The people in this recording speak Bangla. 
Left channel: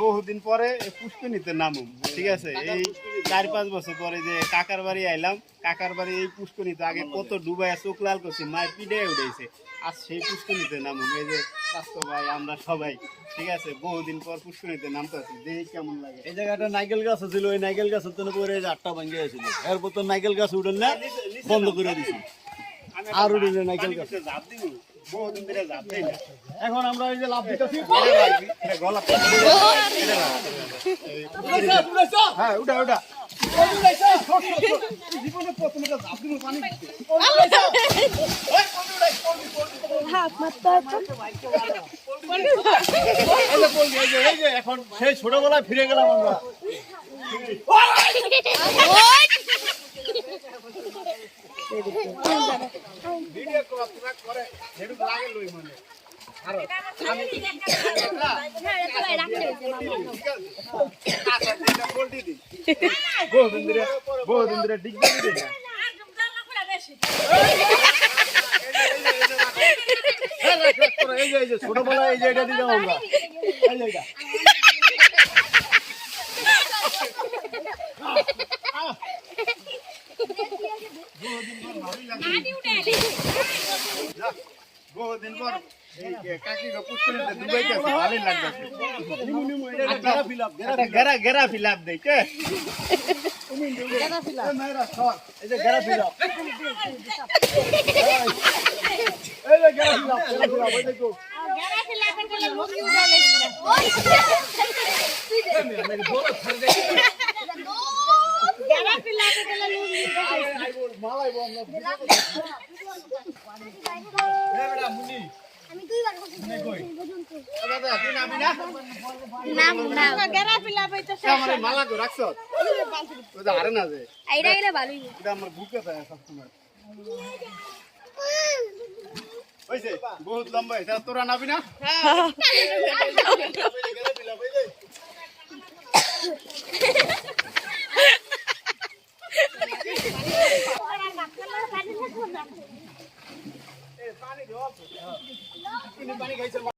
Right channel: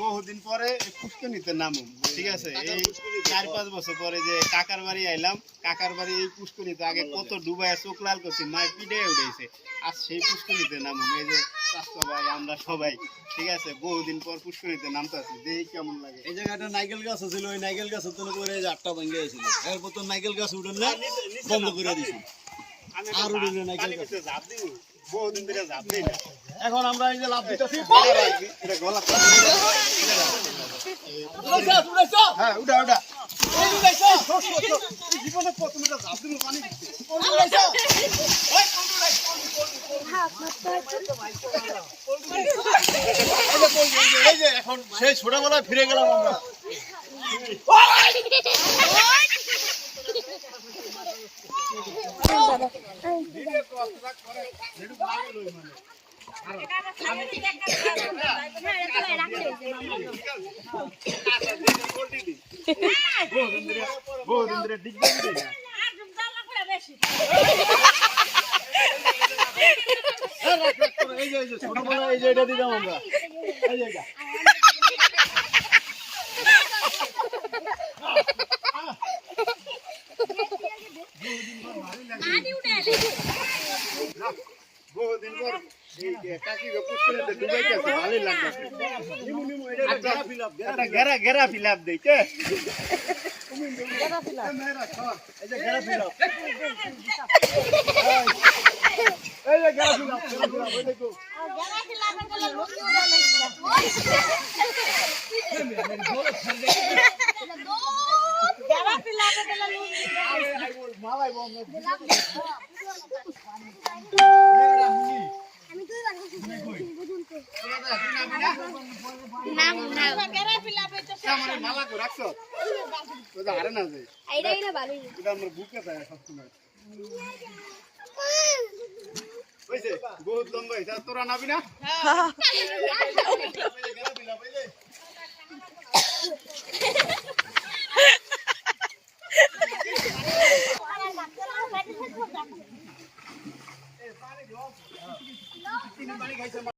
বহুদিন পরে পুষ্করিণীতে নামুম, ঠিক আছে। এই 4-5 বছর পরে যে কাকার বাড়ি আইলাম, কাকার বাড়ি এই পুষ্করিণীতে আগে কত ডুবাইয়া চোখ লাল করছি, মায়ের পিঠে উঠেছে। আজ সেই পুষ্করিণীতে নামুম, এই যে স্বাস্থ্য ভাই আমরা সবাই, ঠিক আছে। বহুদিন পর পুষ্করিণীতে নামতে আছি, দেখি কেমন লাগে। এই জায়গাটা নাইকেল গাছ ছিল, ওই নাইকেল গাছ পরে আটটা ভাঙ্গে গেছিল, এরপর তো নাইকেল গাছ উঠেন না, বন্ধ করে দিছি। আর উঠেন নাইকেল গাছ জাপ দিব, বহুদিন ধরে জাপ দেই না। এখন আমরা এই যে লাভ দিতেছি, হ্যাঁ উঠা উঠা জীবনে প্রথম একটা জাপ দিব, পানি এই যে এখন সেই ছোটবেলায় ফিরে গেলাম আমরা। বহুদিন ধরে ডিগবাজি দেই না। এই যে ছোটবেলায় এই যে এটা দিলাম আমরা, এই যে এটা বহুদিন পর কাকি পুষ্করিণীতে ডুবাইতেছে, ভালোই লাগতেছে। গেরা ফিলাপ দেই কে এই যে গেরা ফিল আপ, এই যে গেরা ফিল আপ, এই দেখো গেরা ফিলাপের গলা লুঙ্গি উড়ে লেছিল গেরা ফিলাপের গলা লুঙ্গি উড়ে মালাইবো আমরা। আমি দুইবার বুঝুন তো নাম নাম গেরা ফিলাপে তো আমার মালা তো রাখছ ওটা আরে না যে আইরা গেলে ভালোই এটা আমার বুকে দেয় সব সময়। হইছে বহুত লম্বা, এটা তোরা নাবি না? পানি